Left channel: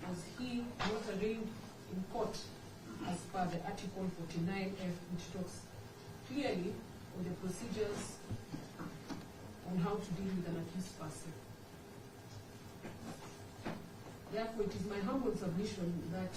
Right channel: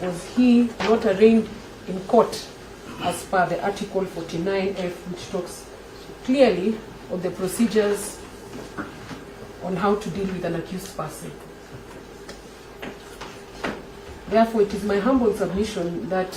Was he not arraigned in court as per the Article 49F, which talks clearly of the procedures on how to deal with an accused person? Therefore, it is my humble submission that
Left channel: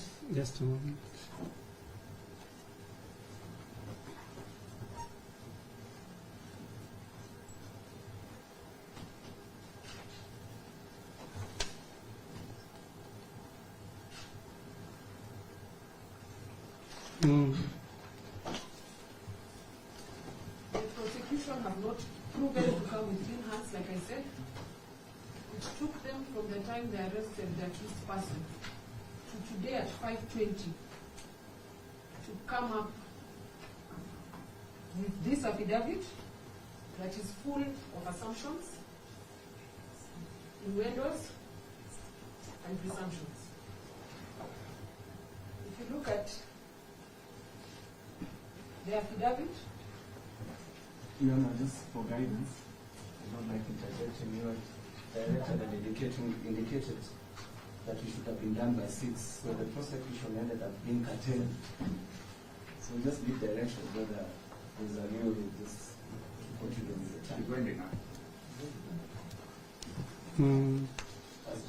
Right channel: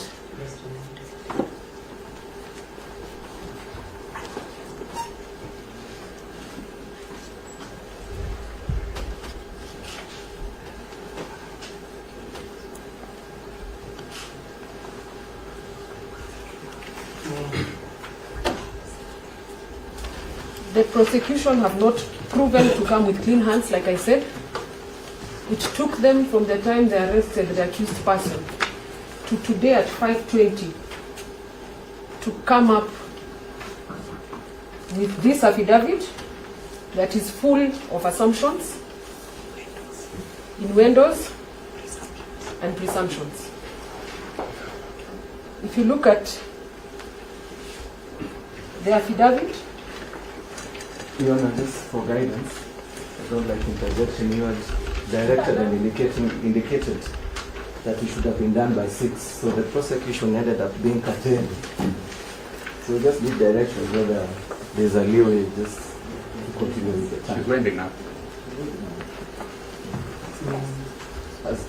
the prosecution have not proven to come with clean hands, like I said. It took them from the time they arrested the accused person to today at 5:20 to come up with this affidavit that is full of assumptions, innuendos, and presumptions. If you look at the affidavit, Your Honor, just for guidance, I don't like interjection. You had directed and indicated that it should have been done by 6, so the prosecution ended up being curtailed. So we just need direction whether there's a leeway just to continue with the time. She's waiting now.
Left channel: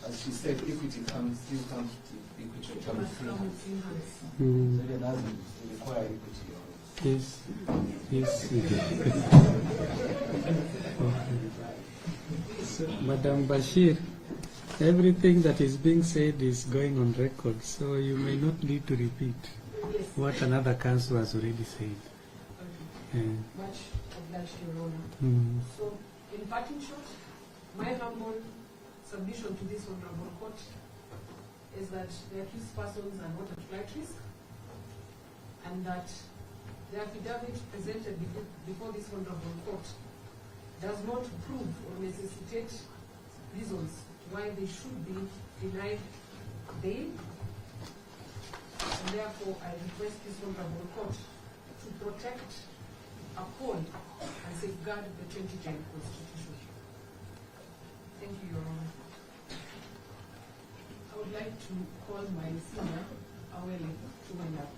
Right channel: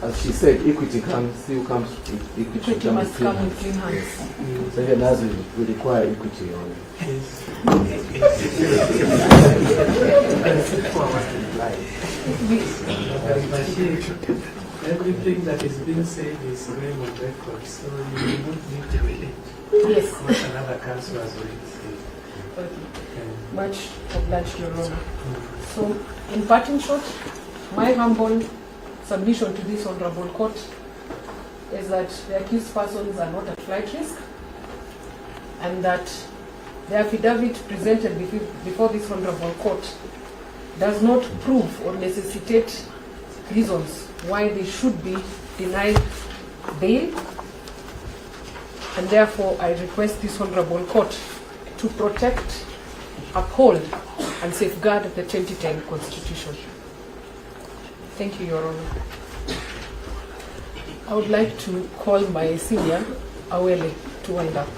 As she said, equity comes, still comes with equity. equity must come with clean hands. Yes. So even as we require equity on it. Yes. Everything that is being said is going on record, so you will not need to repeat Yes. what another counsel has already said. Much obliged, Your Honor. So, in parting shot, my humble submission to this honorable court is that the accused persons are not at flight risk, and that the affidavit presented before this honorable court does not prove or necessitate reasons why they should be denied bail, and therefore I request this honorable court to protect, uphold, and safeguard the 2010 Constitution. Thank you, Your Honor. I would like to call my senior, Awele, to wind up.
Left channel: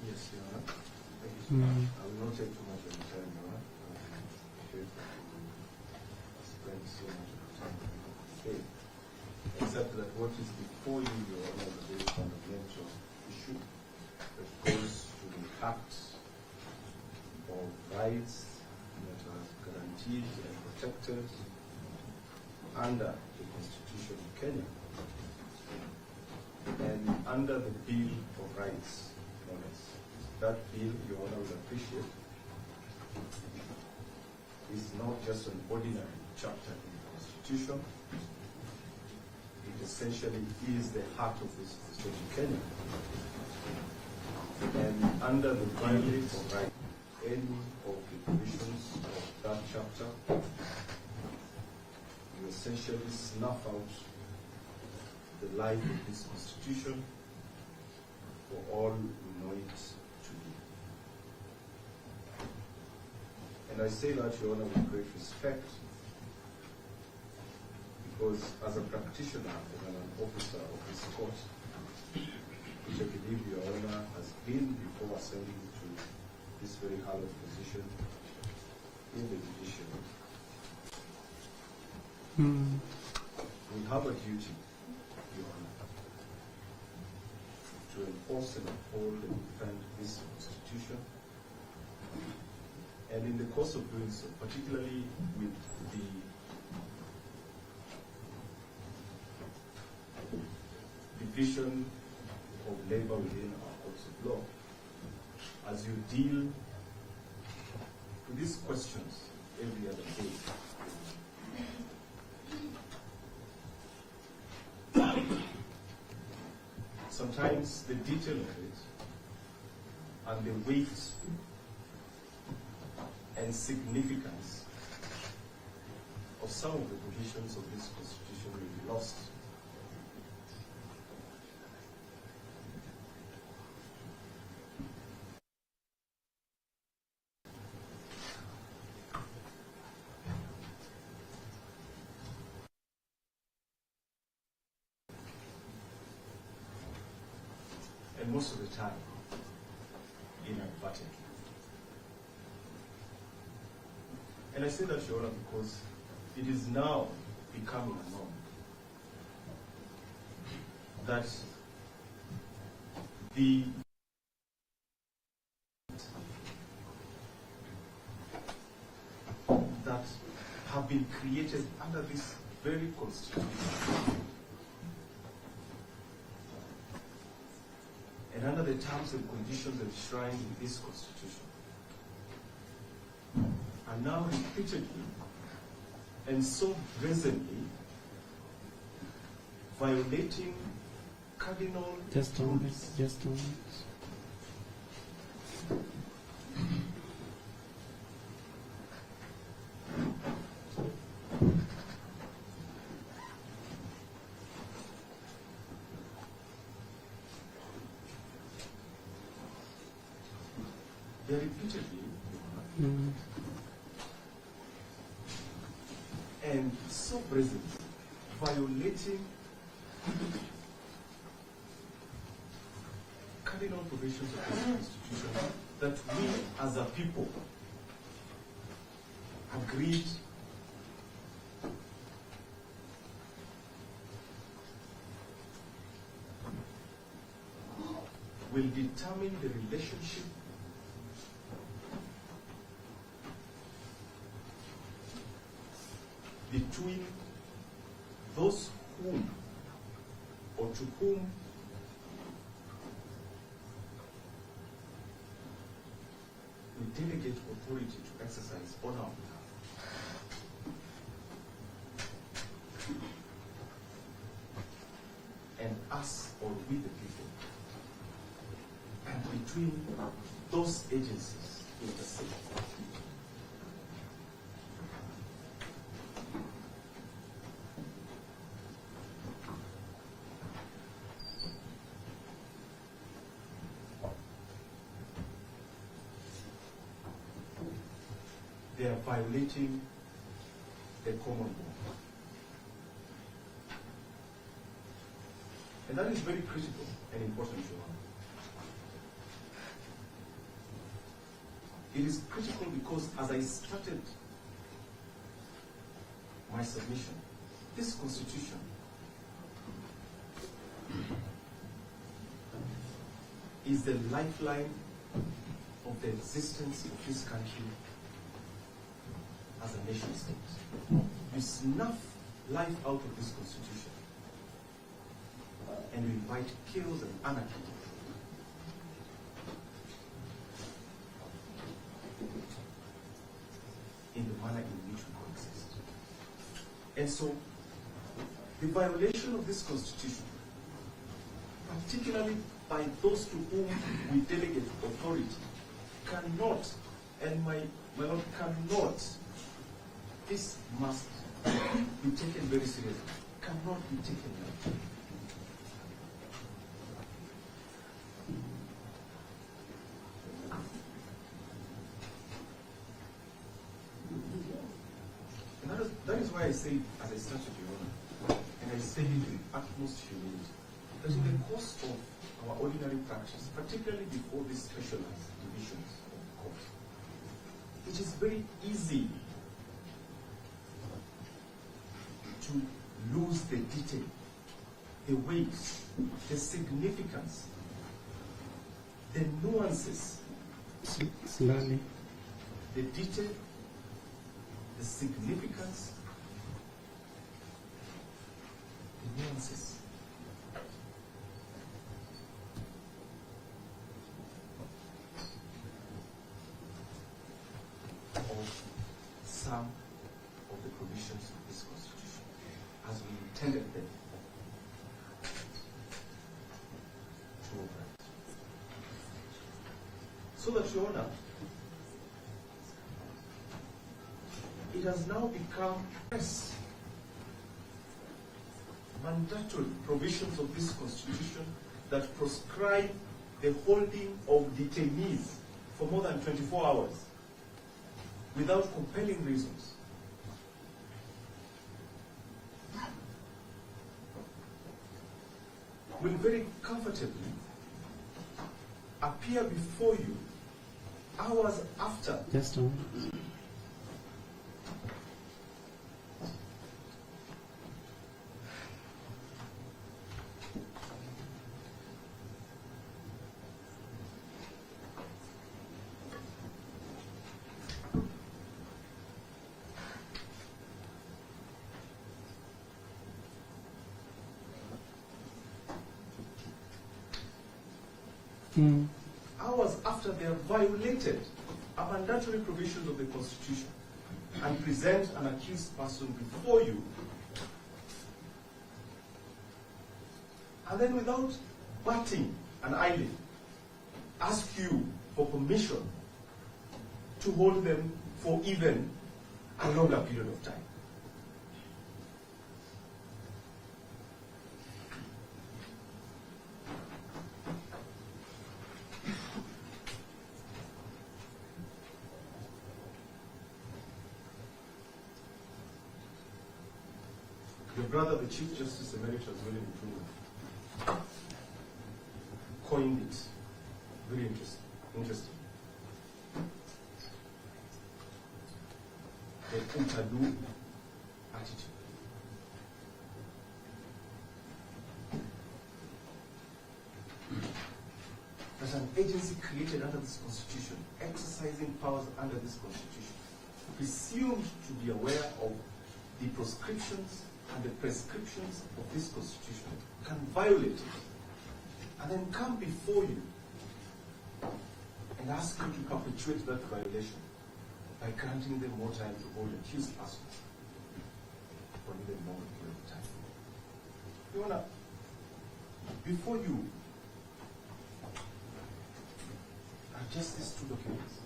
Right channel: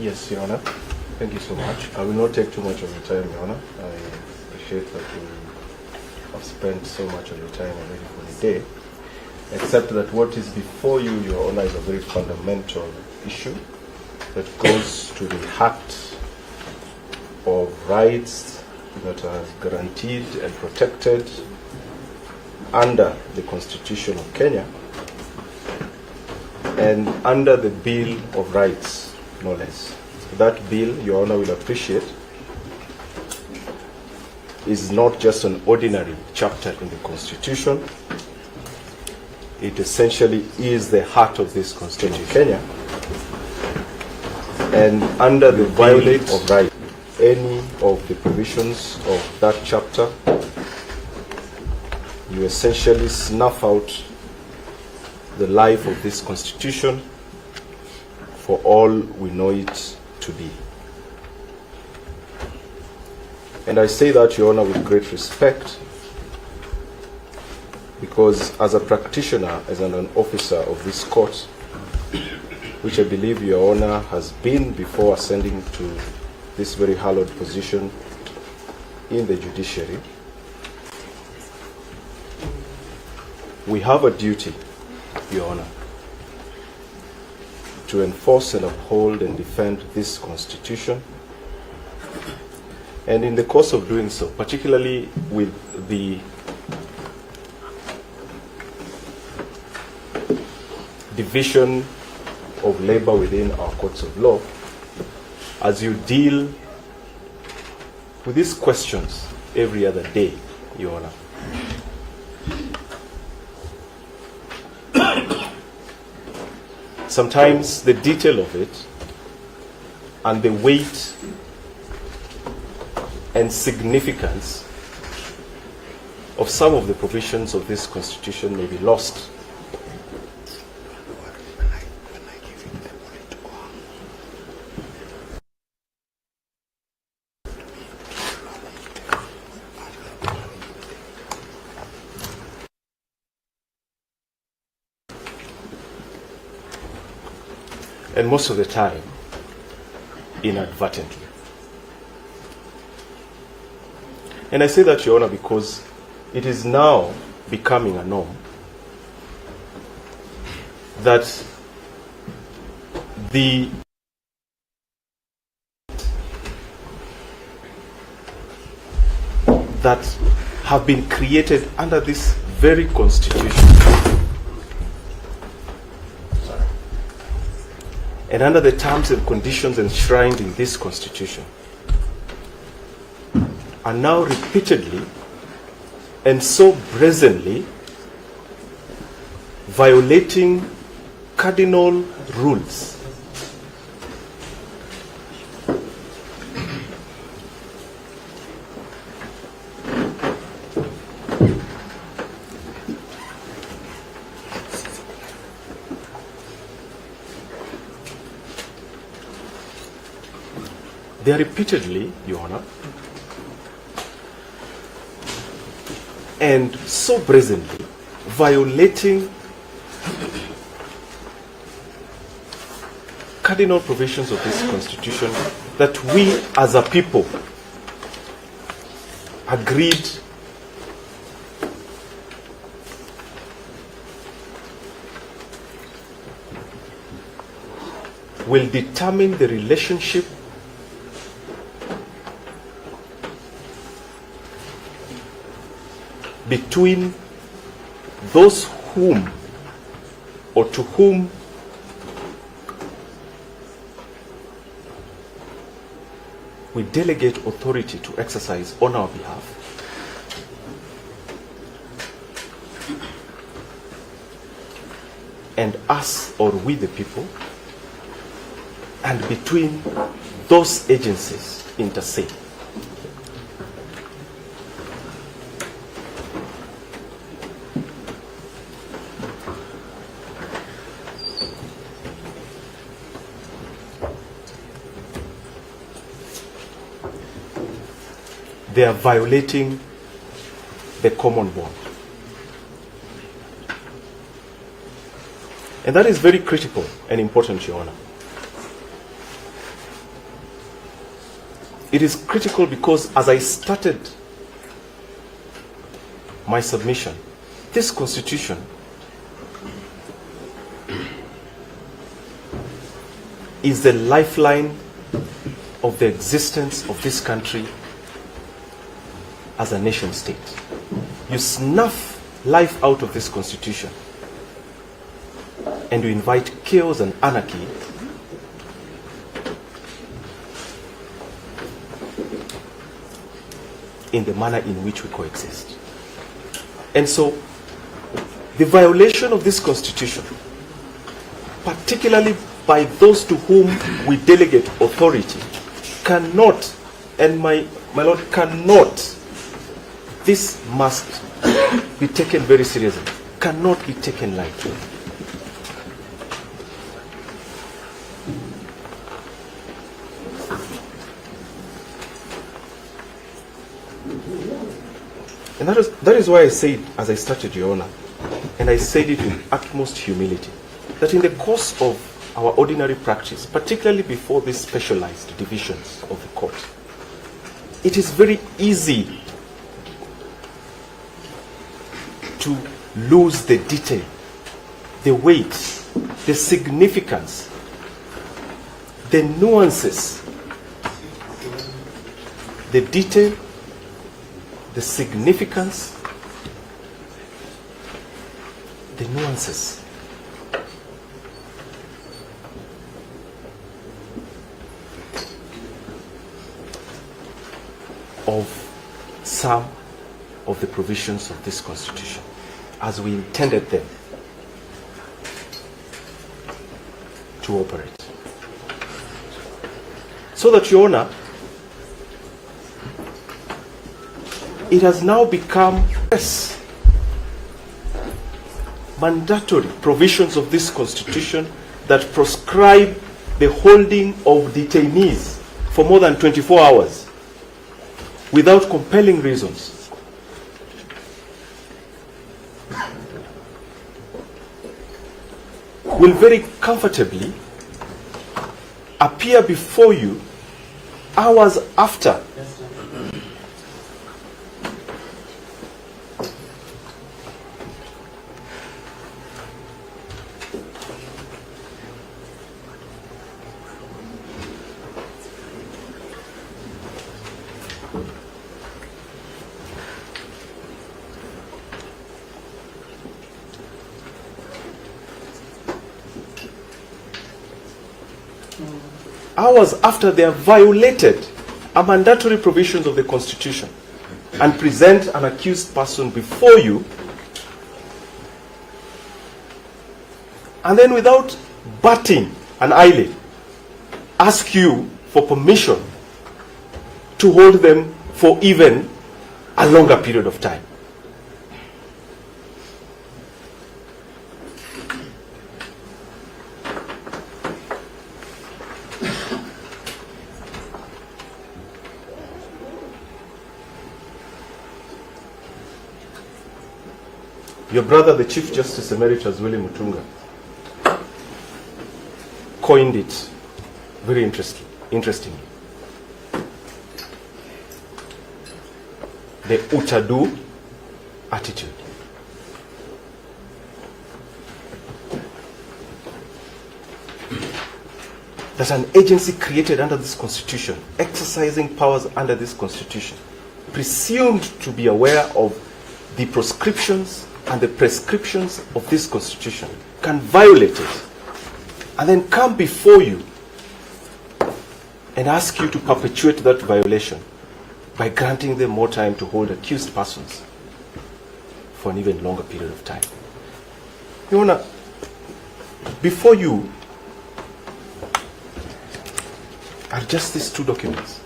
Yes, Your Honor. Thank you so much. I will not take too much of your time, Your Honor. I appreciate that you have spent so much of your time already for the day. Except that what is before you, Your Honor, is a very fundamental issue that goes to the heart of rights that are guaranteed and protected under the Constitution of Kenya and under the Bill of Rights, no less. That bill, Your Honor will appreciate, is not just an ordinary chapter in the Constitution. It essentially is the heart of this Constitution of Kenya. And under the violation of rights, any of the provisions of that chapter, you essentially snuff out the life of this Constitution for all we know it to be. And I say that, Your Honor, with great respect, because as a practitioner, as an officer of this court, which I believe Your Honor has been before ascending to this very hallowed position in the judiciary, we have a duty, Your Honor, to enforce and uphold and defend this Constitution. And in the course of doing so, particularly with the division of labor within our courts of law, as you deal with these questions every other day, Your Honor. Sometimes the detail of it and the weight and significance of some of the provisions of this Constitution may be lost. And most of the time, inadvertently. And I say that, Your Honor, because it is now becoming a norm that that have been created under this very Constitution and under the terms and conditions enshrined in this Constitution are now repeatedly and so brazenly violating cardinal rules they are repeatedly, Your Honor, and so brazenly violating cardinal provisions of this Constitution that we as a people agreed will determine the relationship between those whom or to whom we delegate authority to exercise on our behalf and us or we the people, and between those agencies inter se. They are violating the common bond. And that is very critical and important, Your Honor. It is critical because as I started my submission, this Constitution is the lifeline of the existence of this country as a nation state. You snuff life out of this Constitution and you invite chaos and anarchy in the manner in which we coexist. And so the violation of this Constitution, particularly by those to whom we delegate authority, cannot, and my Lord, cannot, this must be taken very seriously, cannot be taken lightly. And that is why I said, as I started, Your Honor, and I said it with utmost humility, that in the course of our ordinary practice, particularly before these specialized divisions of the court, it is very easy to lose the detail, the weight, the significance, the nuances, the detail, the significance, the nuances of some of the provisions of this Constitution as we intended them to operate. So that, Your Honor, it has now become mandatory provisions of this Constitution that proscribe the holding of detainees for more than 24 hours without compelling reasons. Will very comfortably appear before you hours after they have violated a mandatory provisions of the Constitution and present an accused person before you, and then without batting an eyelid ask you for permission to hold them for even a longer period of time. Your brother, the Chief Justice Emeritus William Mutunga, coined it very interestingly. The utadu attitude. That an agency created under this Constitution, exercising powers under this Constitution, presumed to be aware of the proscriptions and the prescriptions of this Constitution, can violate it and then come before you and ask you to perpetuate that violation by granting them more time to hold accused persons for an even longer period of time. Your Honor, before you are just these two documents.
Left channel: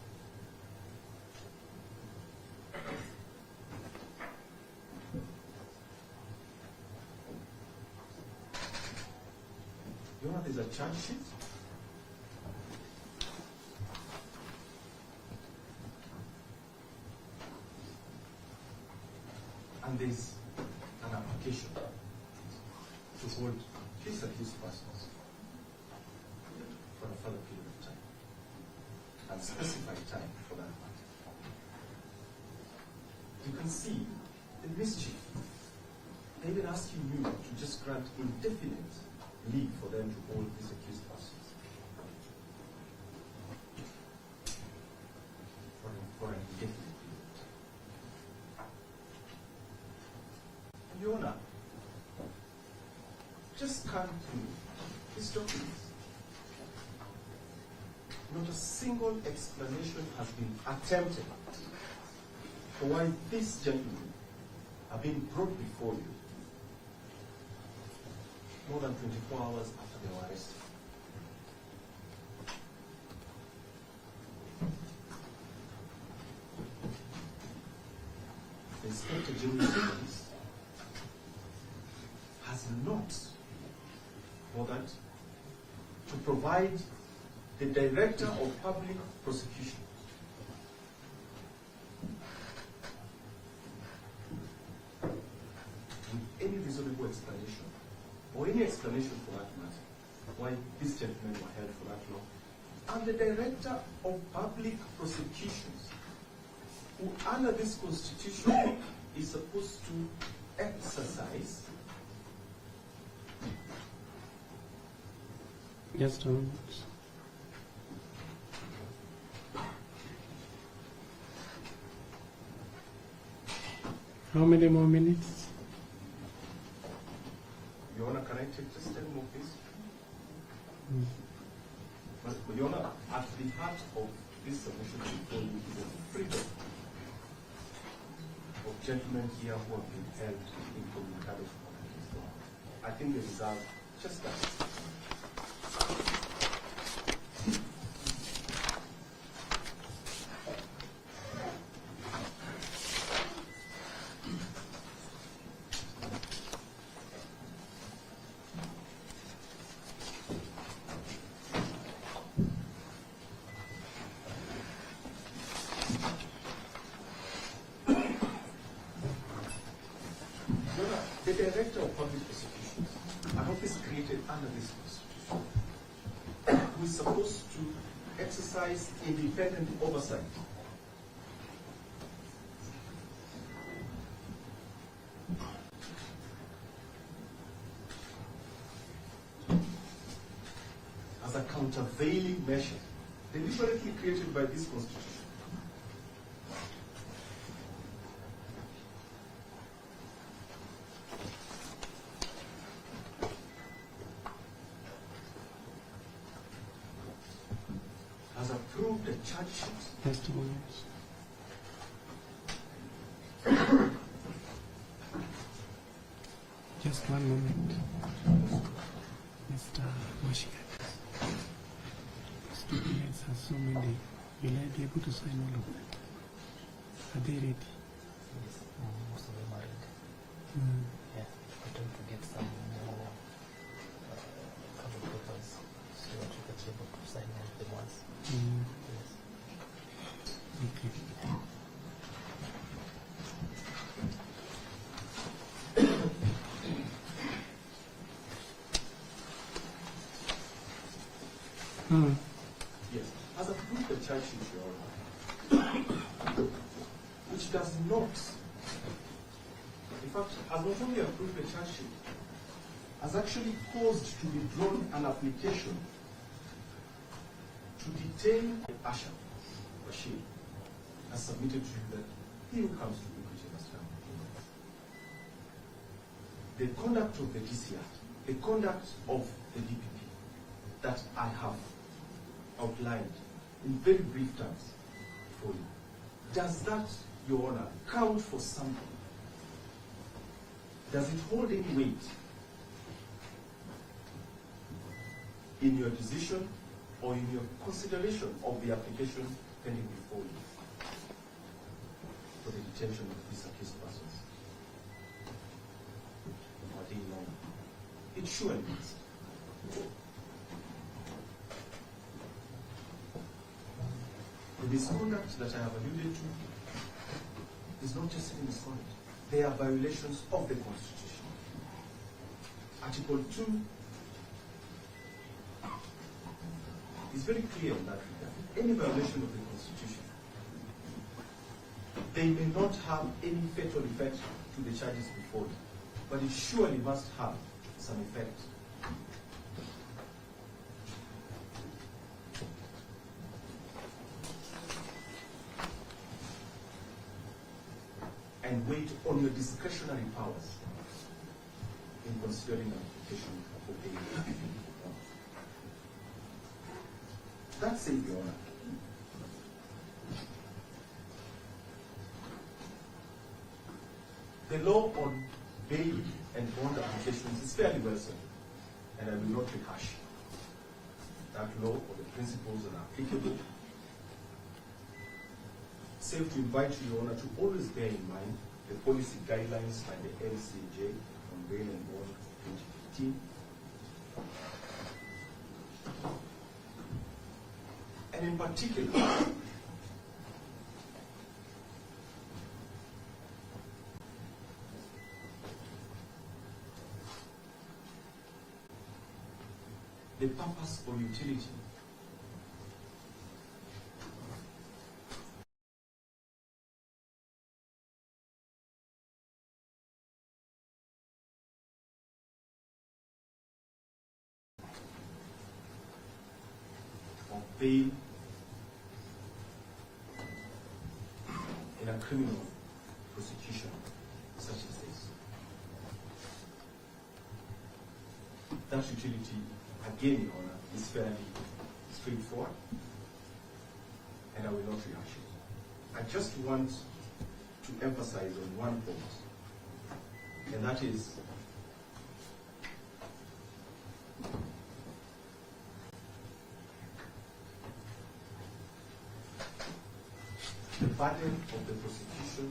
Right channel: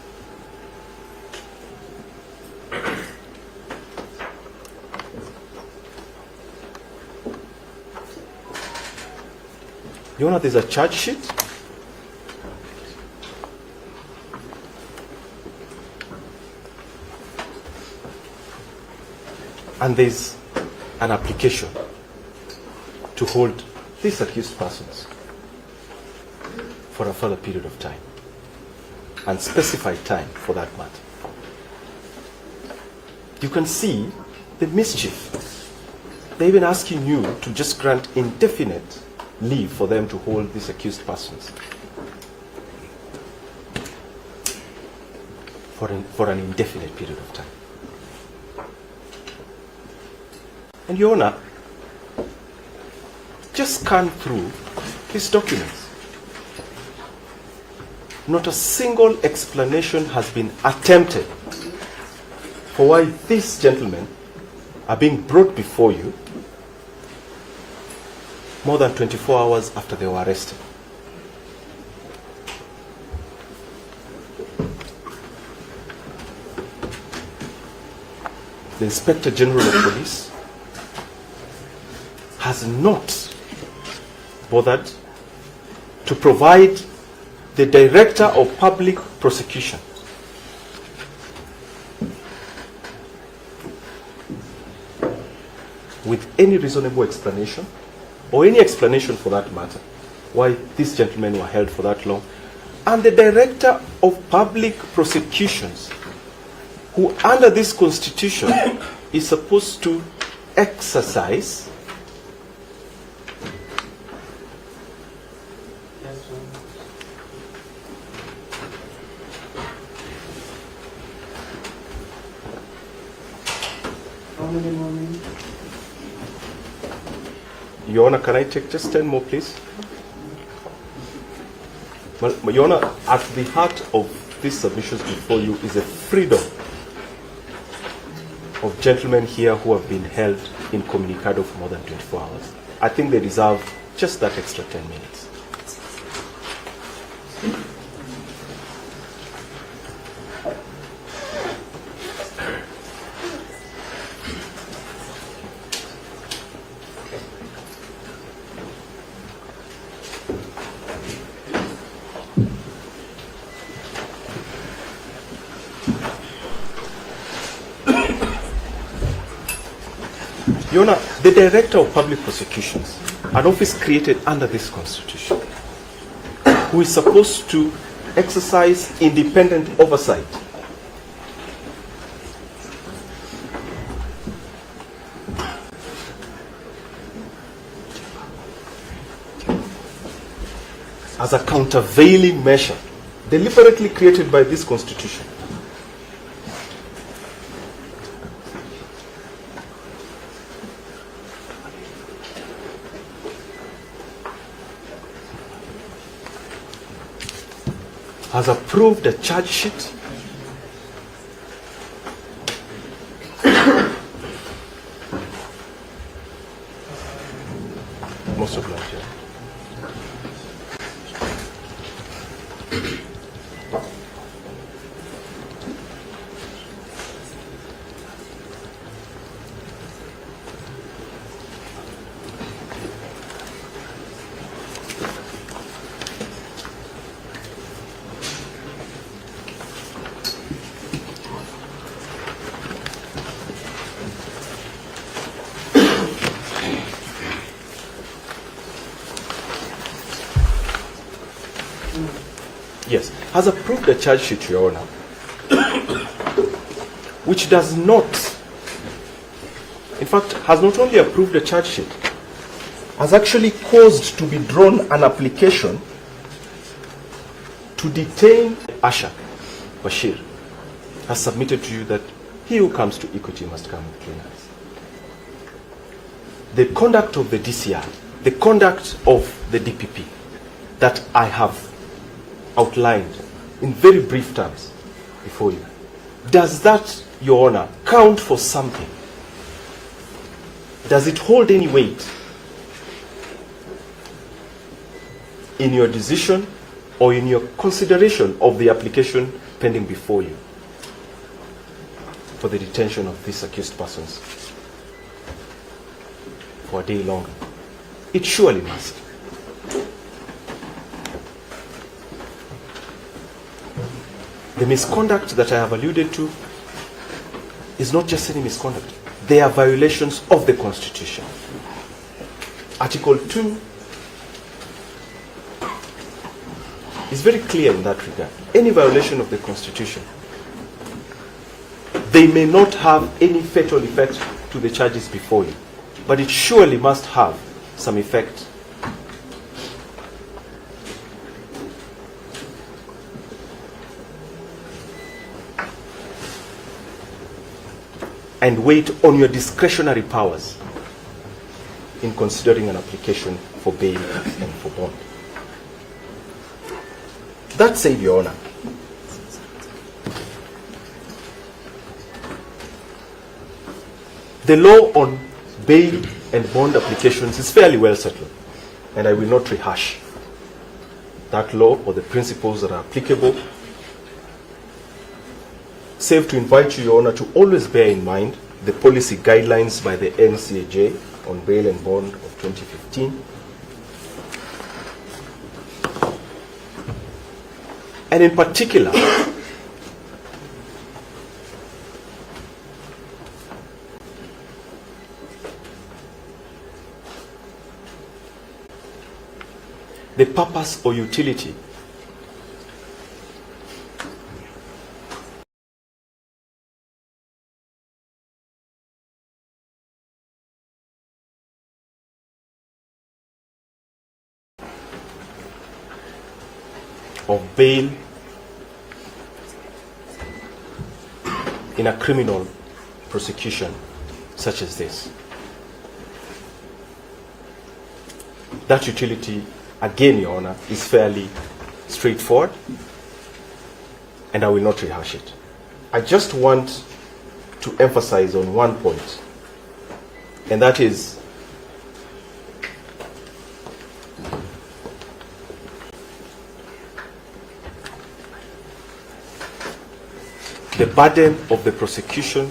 Your Honor, there's a charge sheet. And there's an application to hold these accused persons for a further period of time, and specified time for that matter. You can see the mischief. They're even asking you to just grant indefinite leave for them to hold these accused persons for an indefinite period of time. And Your Honor, just scan through these documents. Not a single explanation has been attempted for why these gentlemen are being brought before you more than 24 hours after they were arrested. The Inspector General of Police has not bothered to provide the Director of Public Prosecution with any reasonable explanation, or any explanation for that matter, why these gentlemen were held for that long. And the Director of Public Prosecutions, who under this Constitution is supposed to exercise How many more minutes? Your Honor, can I take just 10 more, please? Well, Your Honor, at the heart of these submissions before you is a freedom of gentlemen here who have been held incommunicado for more than 24 hours. I think they deserve just that extra 10 minutes. Your Honor, the Director of Public Prosecutions, an office created under this Constitution, who is supposed to exercise independent oversight, as a countervailing measure deliberately created by this Constitution, has approved a charge sheet most of that, yeah. Yes, has approved a charge sheet, Your Honor, which does not, in fact, has not only approved a charge sheet, has actually caused to be drawn an application to detain Asha Bashir, has submitted to you that he who comes to equity must come with clean hands. The conduct of the DCI, the conduct of the DPP that I have outlined in very brief terms before you, does that, Your Honor, count for something? Does it hold any weight in your decision or in your consideration of the application pending before you for the detention of these accused persons for a day longer? It surely must. The misconduct that I have alluded to is not just any misconduct. They are violations of the Constitution. Article 2 is very clear in that regard. Any violation of the Constitution, they may not have any fatal effect to the charges before you, but it surely must have some effect and weight on your discretionary powers in considering an application for bail and for bond. That said, Your Honor, the law on bail and bond applications is fairly well settled, and I will not rehash that law or the principles that are applicable, save to invite you, Your Honor, to always bear in mind the policy guidelines by the NCAJ on bail and bond of 2015. And in particular, the purpose or utility of bail in a criminal prosecution such as this. That utility, again, Your Honor, is fairly straightforward, and I will not rehash it. I just want to emphasize on one point, and that is the burden of the prosecution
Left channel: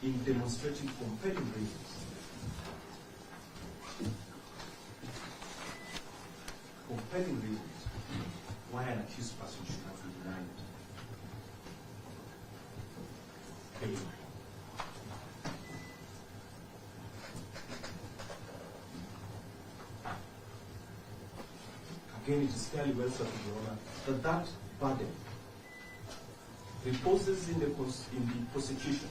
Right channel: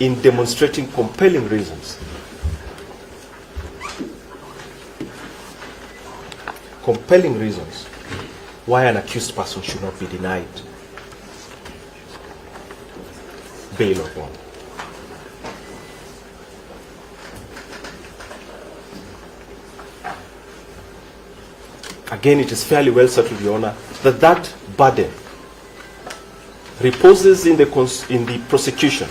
in demonstrating compelling reasons. Compelling reasons why an accused person should not be denied bail or bond. Again, it is fairly well settled, Your Honor, that that burden reposes in the prosecution.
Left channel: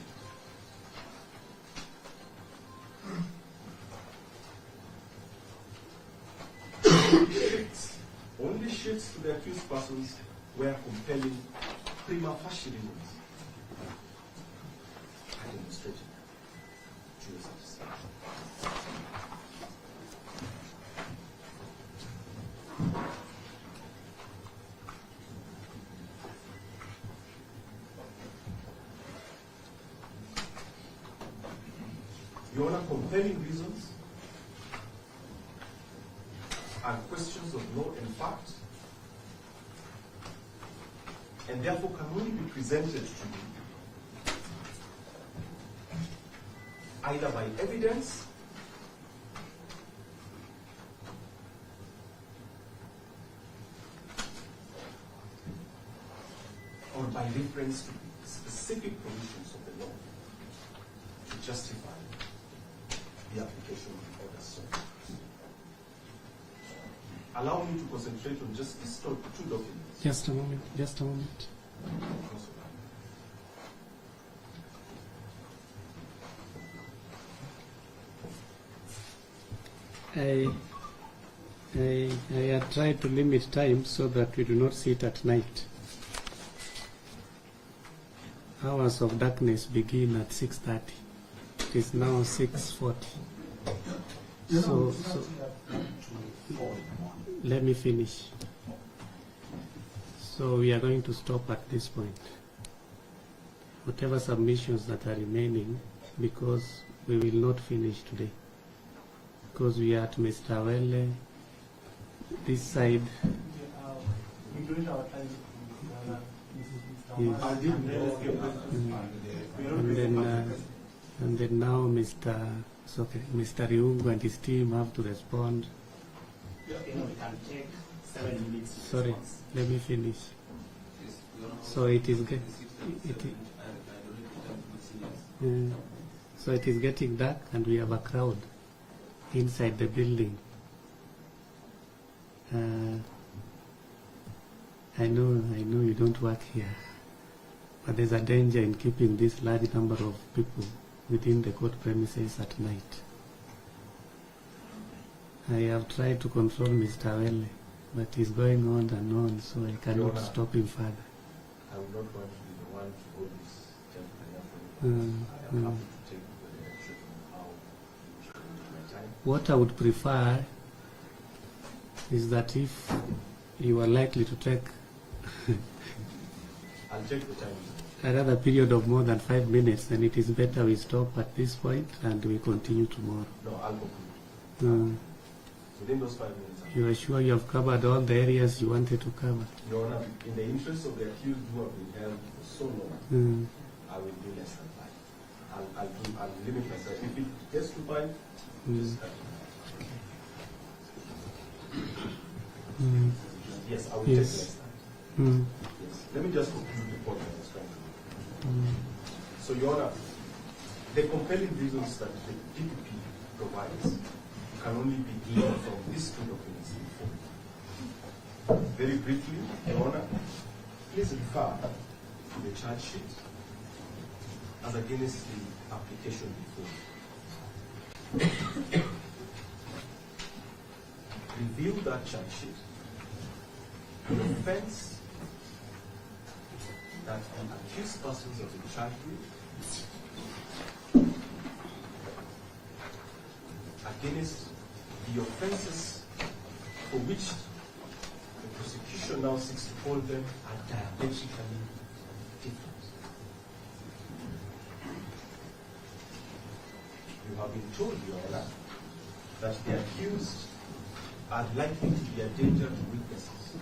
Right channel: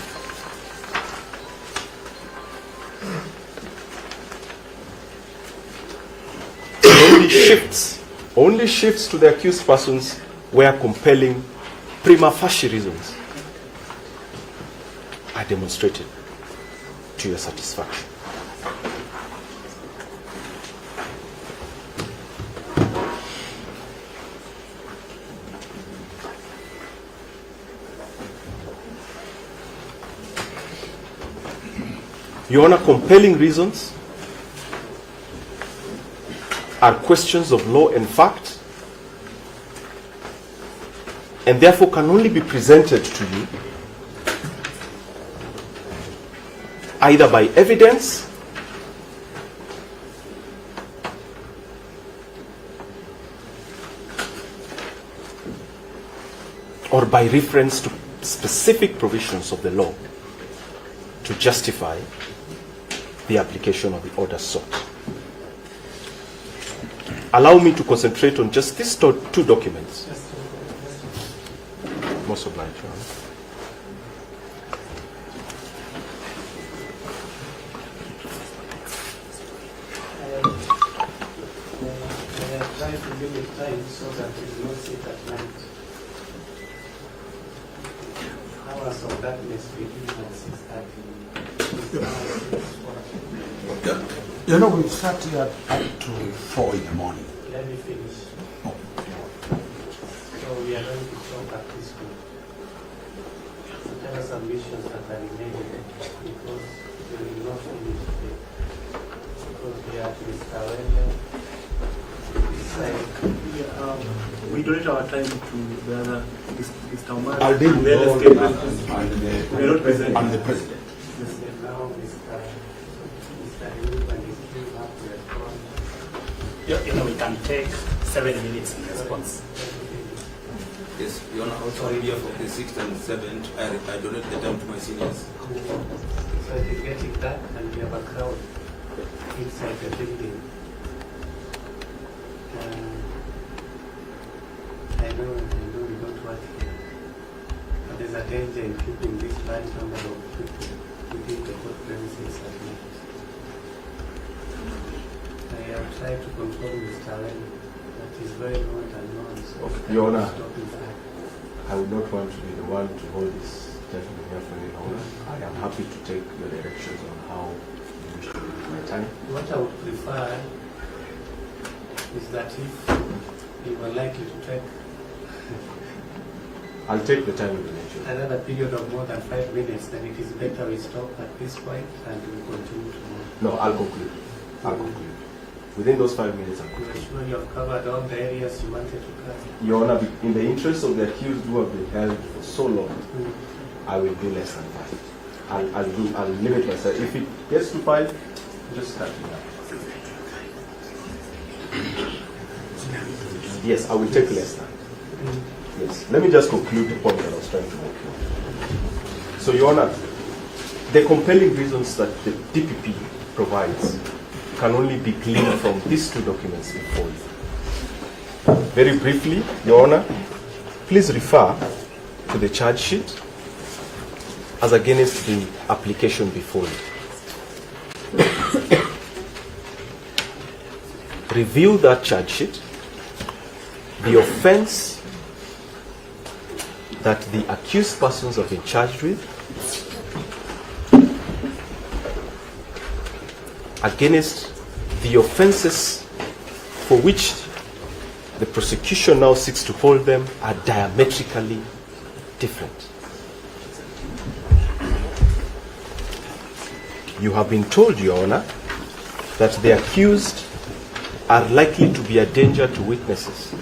Only shifts to the accused persons where compelling prima facie reasons are demonstrated to your satisfaction. Your Honor, compelling reasons are questions of law and fact, and therefore can only be presented to you either by evidence or by reference to specific provisions of the law to justify the application of the order sought. Allow me to concentrate on just these two documents. Just a moment. Most obliged, Your Honor. I have tried to limit time so that we do not sit at night. Hours of darkness begin at 6:30. It's now 6:40. Okay. You know, we start here at 4 in the morning. Let me finish. So we are going to stop at this point. Whatever submissions that are remaining, because we will not finish today. Because we are at Mr. William, this side. We donate our time to the other, Mr. Omar. I'll deal and with then all escape. the We are not present. I'm the president. And then now Mr. Riu and his team have to respond. You know, we can take 7 minutes in Sorry, response. let me finish. Yes, Your Honor, also Sorry, idea John. for the 6th and 7th, I donate the time to my seniors. So it is getting dark and we have a crowd inside the building. I know we don't work here, but there's a danger in keeping this large number of people within the court premises at night. I have tried to control Mr. Wen that is going on and on, so we Your cannot Honor, stop him fire. I would not want to be the one to hold this gentleman here for any longer. I am happy to take your directions on how you wish to use my time. What I would prefer is that if you are likely to take I'll take the time with the nature. another period of more than 5 minutes, then it is better we stop at this point and we continue tomorrow. No, I'll conclude. I'll conclude. Within those 5 minutes, I'll You are sure you have covered all the areas you wanted to cover? Your Honor, in the interest of the accused who have been held for so long, I will do less than 5. I'll limit myself. If it gets to 5, just cut it down. Yes, I will take less than. Yes. Let me just conclude the point that I was trying to make. So, Your Honor, the compelling reasons that the DPP provides can only be gleaned from these two documents before you. Very briefly, Your Honor, please refer to the charge sheet as against the application before you. Review that charge sheet. The offense that the accused persons have been charged with against the offenses for which the prosecution now seeks to hold them are diametrically different. You have been told, Your Honor, that the accused are likely to be a danger to witnesses.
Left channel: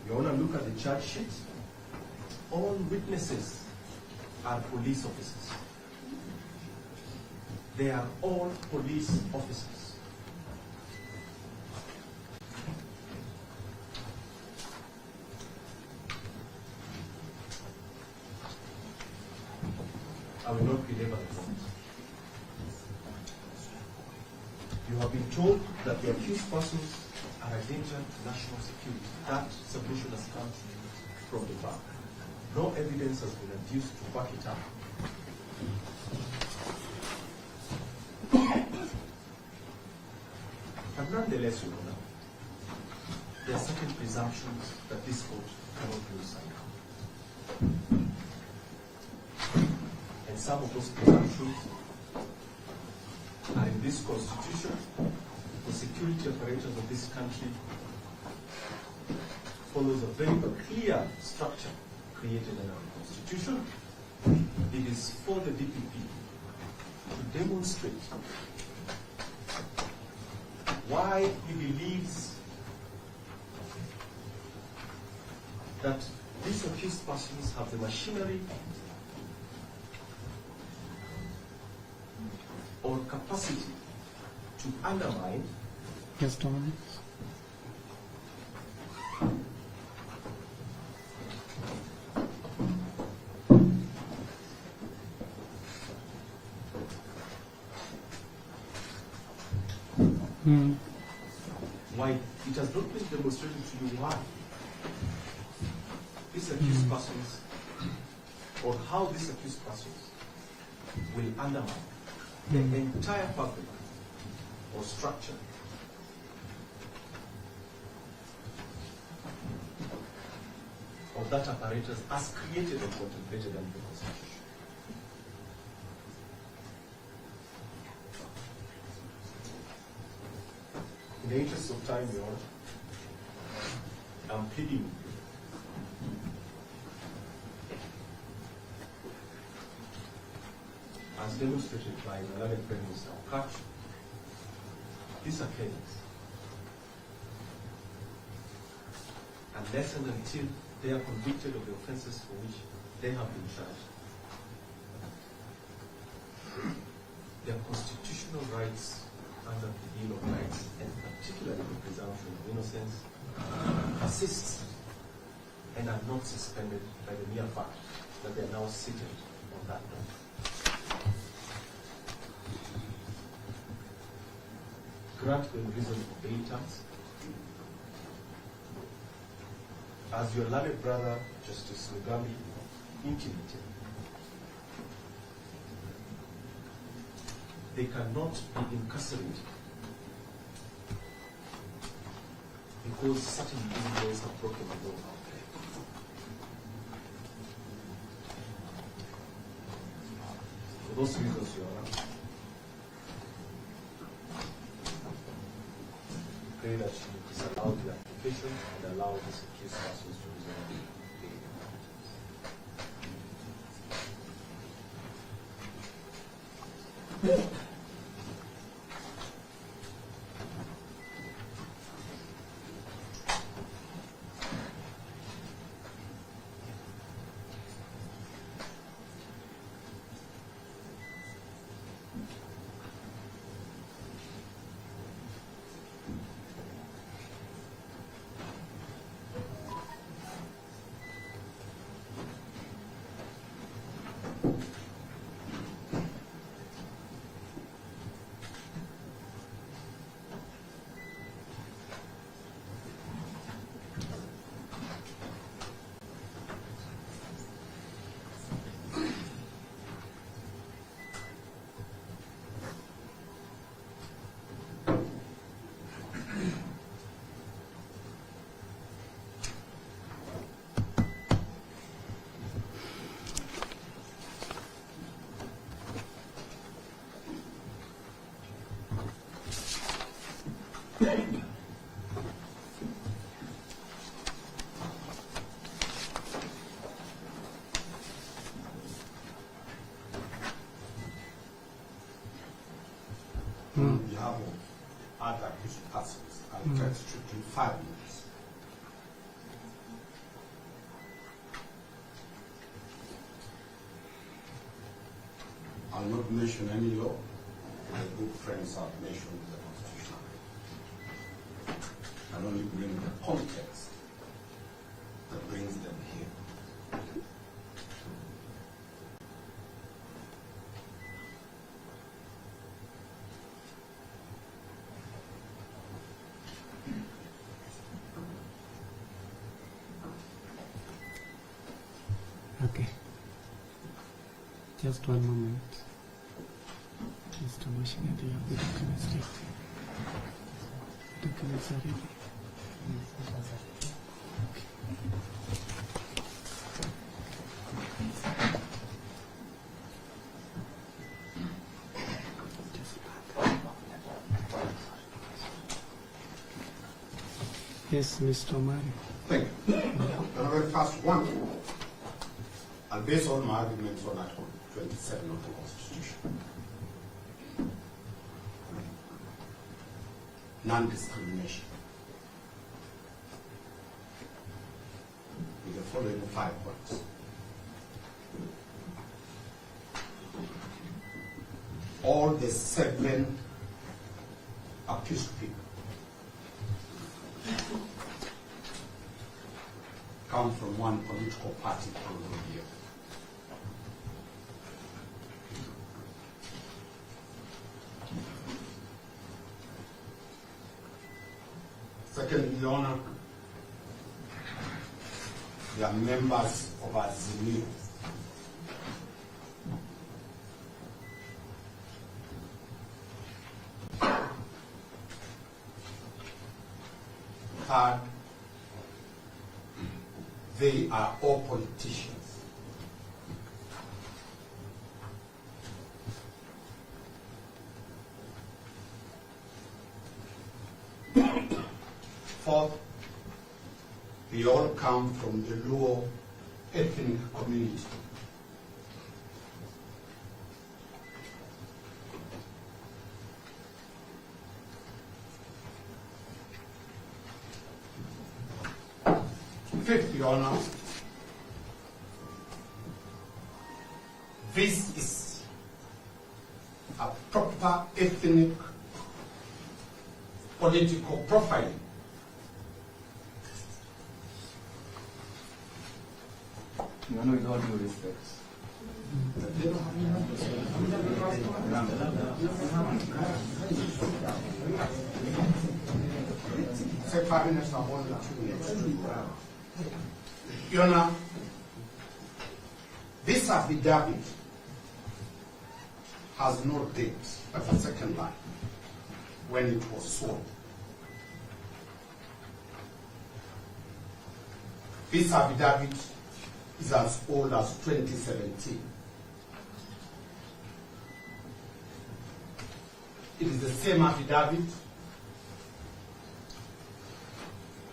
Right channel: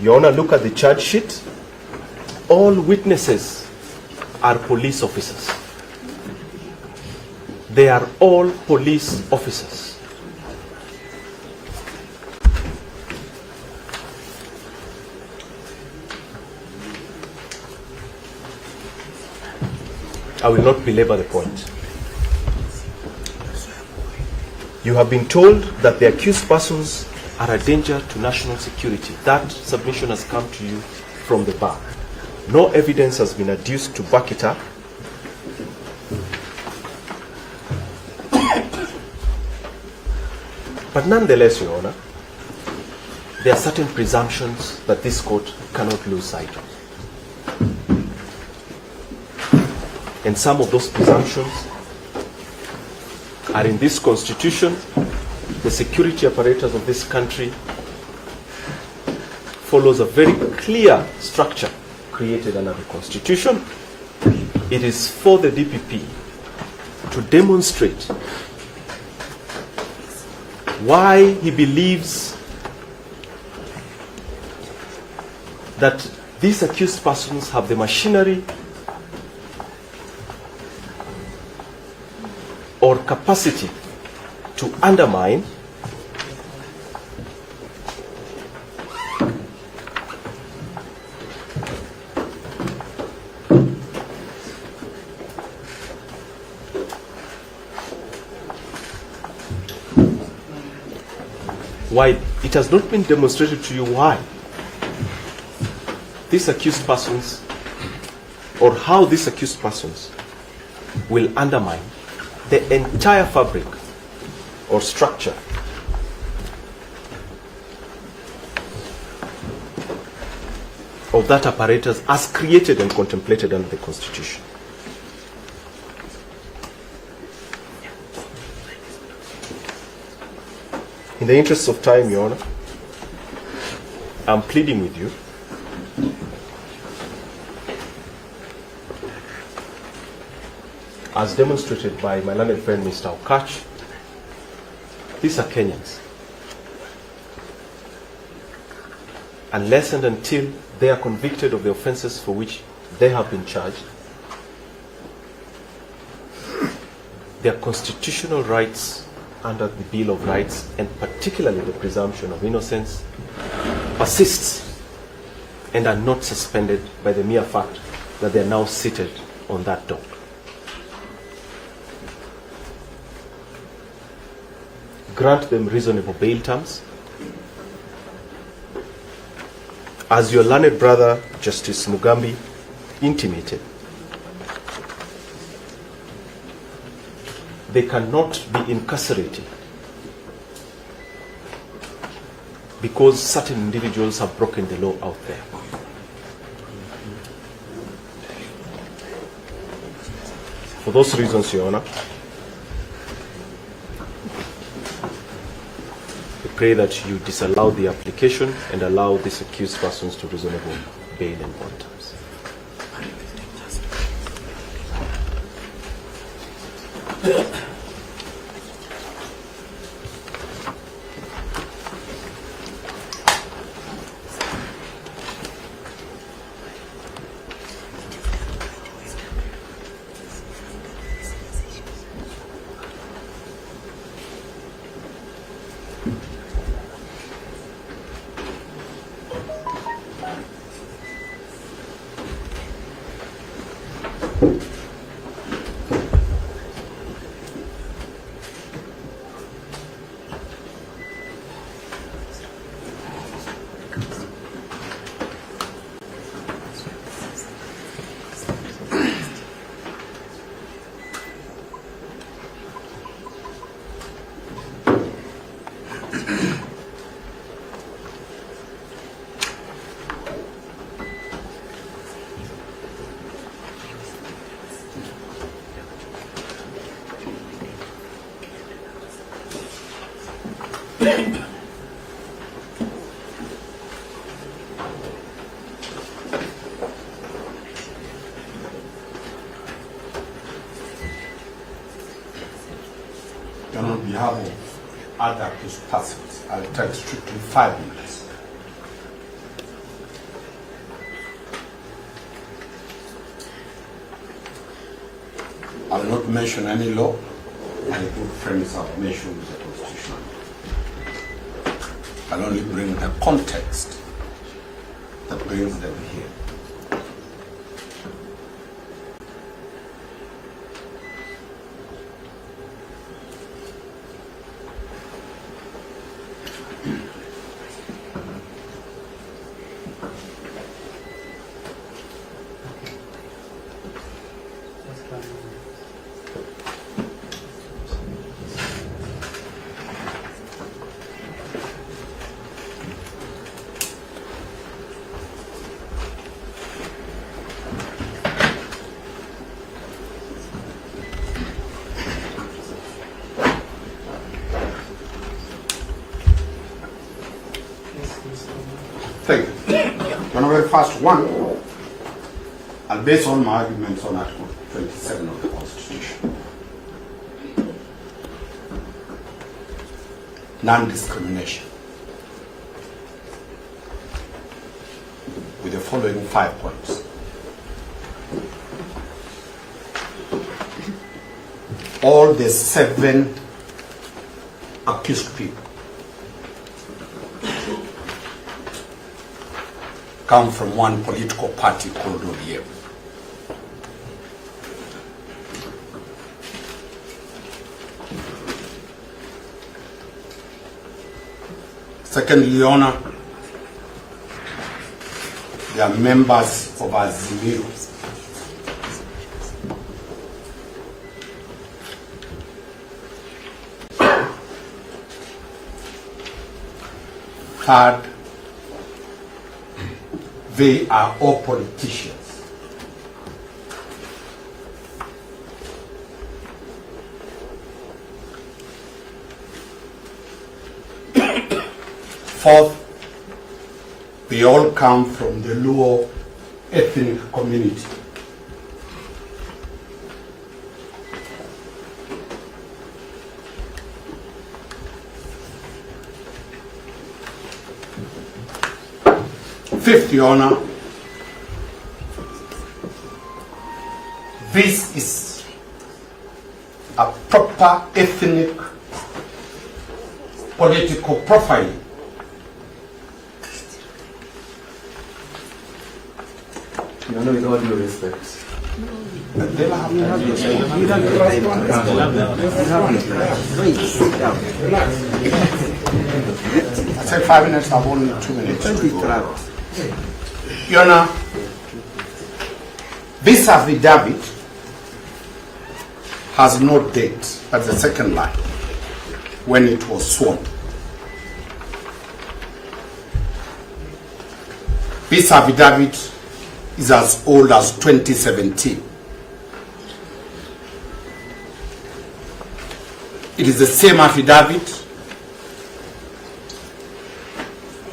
Your Honor, look at the charge sheet. All witnesses are police officers. They are all police officers. I will not belabor the point. You have been told that the accused persons are a danger to national security. That submission has come to you from the bar. No evidence has been adduced to back it up. But nonetheless, Your Honor, there are certain presumptions that this court cannot lose sight of. And some of those presumptions are in this Constitution. The security apparatus of this country follows a very clear structure created under the Constitution. It is for the DPP to demonstrate why he believes that these accused persons have the machinery or capacity to undermine why it has not been demonstrated to you why these accused persons or how these accused persons will undermine the entire fabric or structure of that apparatus as created and contemplated under the Constitution. In the interest of time, Your Honor, I'm pleading with you as demonstrated by my learned friend Mr. Okach. These are Kenyans. Unless and until they are convicted of the offenses for which they have been charged, their constitutional rights under the Bill of Rights, and particularly the presumption of innocence, persists and are not suspended by the mere fact that they are now seated on that dock. Grant them reasonable bail terms. As your learned brother, Justice Mugambi, intimated, they cannot be incarcerated because certain individuals have broken the law out there. For those reasons, Your Honor, we pray that you disallow the application and allow these accused persons to reasonable bail and bond terms. other accused persons. I'll take strictly 5 minutes. I'll not mention any law. My good friends have mentioned the Constitution. I'll only bring the context that brings them here. Just 1 minute. Yes, Mr. Omar. Thank you. On the very first one, I'll base all my arguments on Article 27 of the Constitution. Non-discrimination. With the following 5 points. All the 7 accused people come from one political party called ODM. Secondly, Your Honor, they are members of Azimio. Third, they are all politicians. Fourth, they all come from the Luo ethnic community. Fifth, Your Honor, this is a proper ethnic political profiling. You know, with all due respect. I said 5 minutes, I've only 2 minutes. Your Honor, this affidavit has no date. That's the second line, when it was sworn. This affidavit is as old as 2017. It is the same affidavit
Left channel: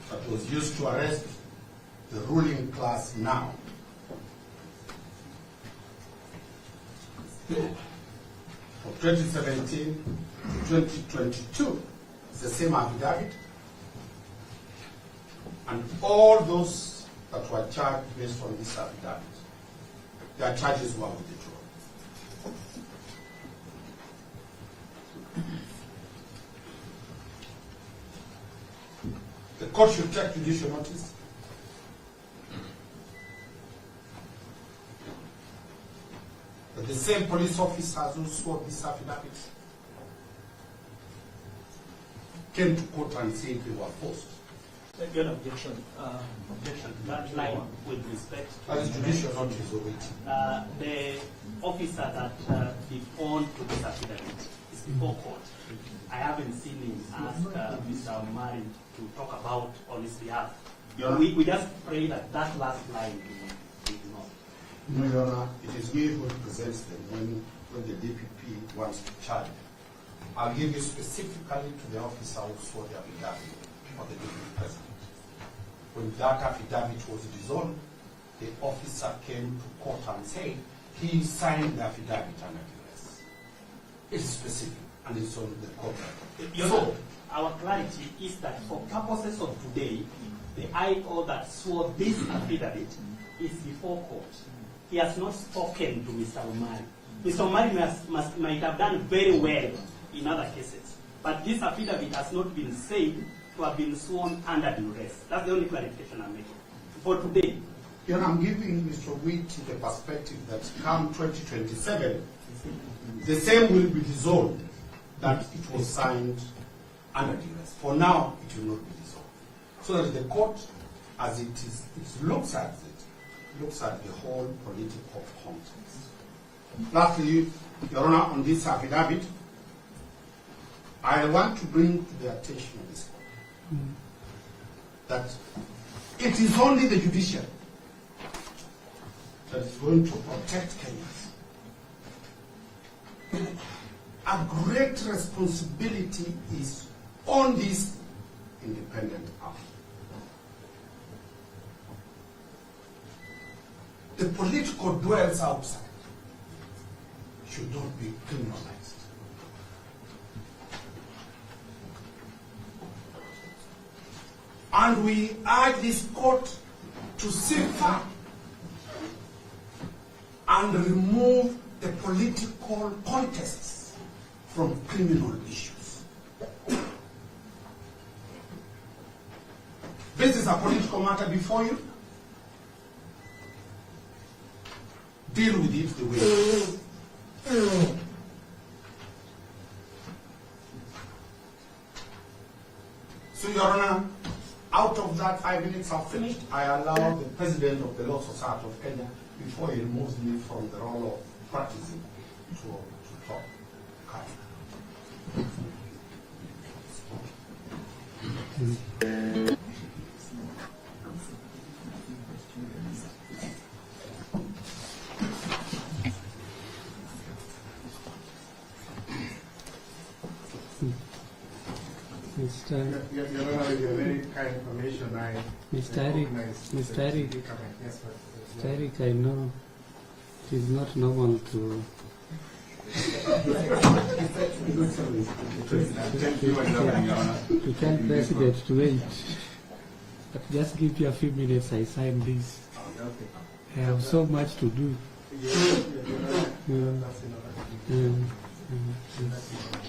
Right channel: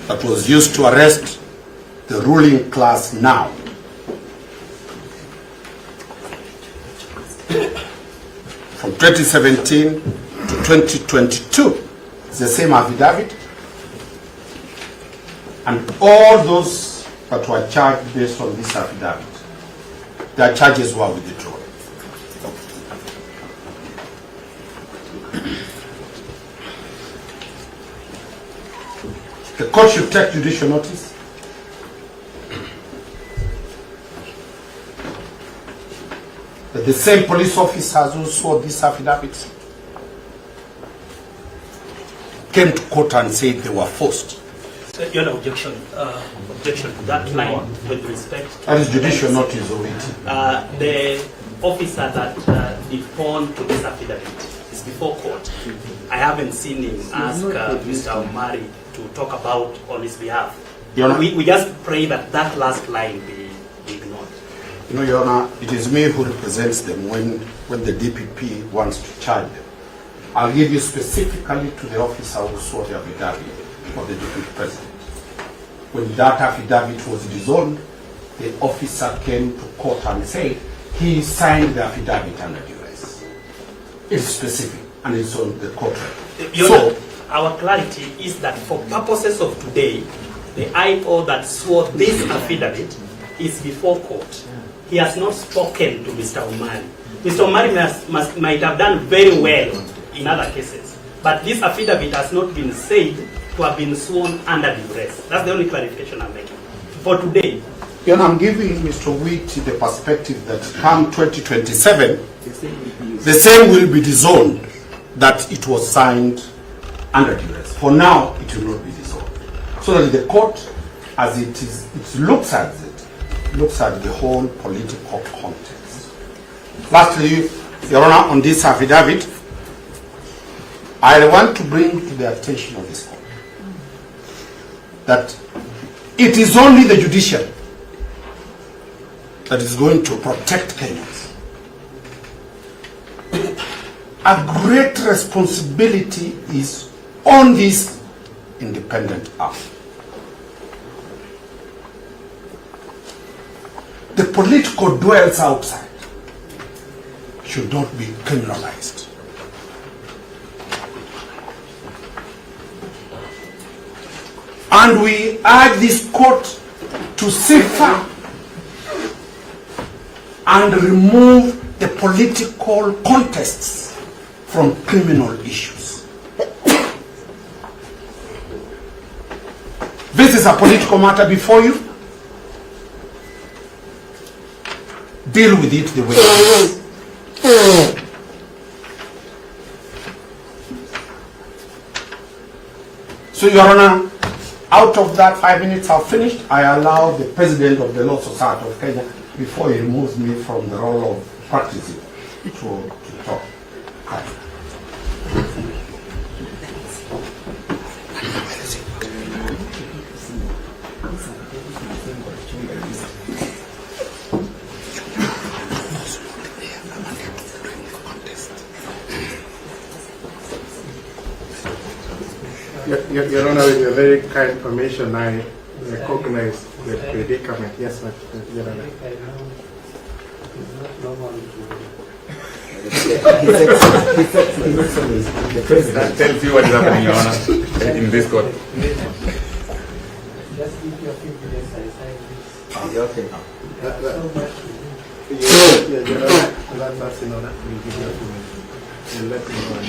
that was used to arrest the ruling class now. From 2017 to 2022, it's the same affidavit. And all those that were charged based on this affidavit, their charges were withdrawn. The court should take judicial notice that the same police officers who swore this affidavit came to court and said they were forced. So your objection to that line with respect. That is judicial notice of it. The officer that deponed to this affidavit is before court. I haven't seen him ask Mr. Omari to talk about on his behalf. We just pray that that last line be ignored. You know, Your Honor, it is me who represents them when the DPP wants to charge them. I'll give you specifically to the officer who swore the affidavit of the deputy president. When that affidavit was dissolved, the officer came to court and said he signed the affidavit under duress. It's specific and it's on the court record. our clarity is that for purposes of today, the IO that swore this affidavit is before court. He has not spoken to Mr. Omari. Mr. Omari might have done very well in other cases, but this affidavit has not been said to have been sworn under duress. That's the only clarification I'm making. For today, I'm giving Mr. Wheat the perspective that come 2027, the same will be disowned that it was signed under duress. For now, it will not be disowned. So that the court, as it is, it looks at the whole political context. Lastly, Your Honor, on this affidavit, I want to bring to the attention of this court that it is only the judiciary that is going to protect Kenyans. A great responsibility is on this independent arm. The political dwellers outside should not be criminalized. And we urge this court to cipher and remove the political contests from criminal issues. This is a political matter before you. Deal with it the way it is. So, Your Honor, out of that 5 minutes I've finished, I allow the President of the Law Society of Kenya, before he removes me from the role of practicing, to talk. Your Honor, with your very kind permission, I recognize the predicament. Yes, but Your Honor. I know it's not normal to. The President tells you what is happening, Your Honor, in this court. Just give you a few minutes, I sign this. Okay. I have so much to do. Your Honor, let us in order. We'll let you know.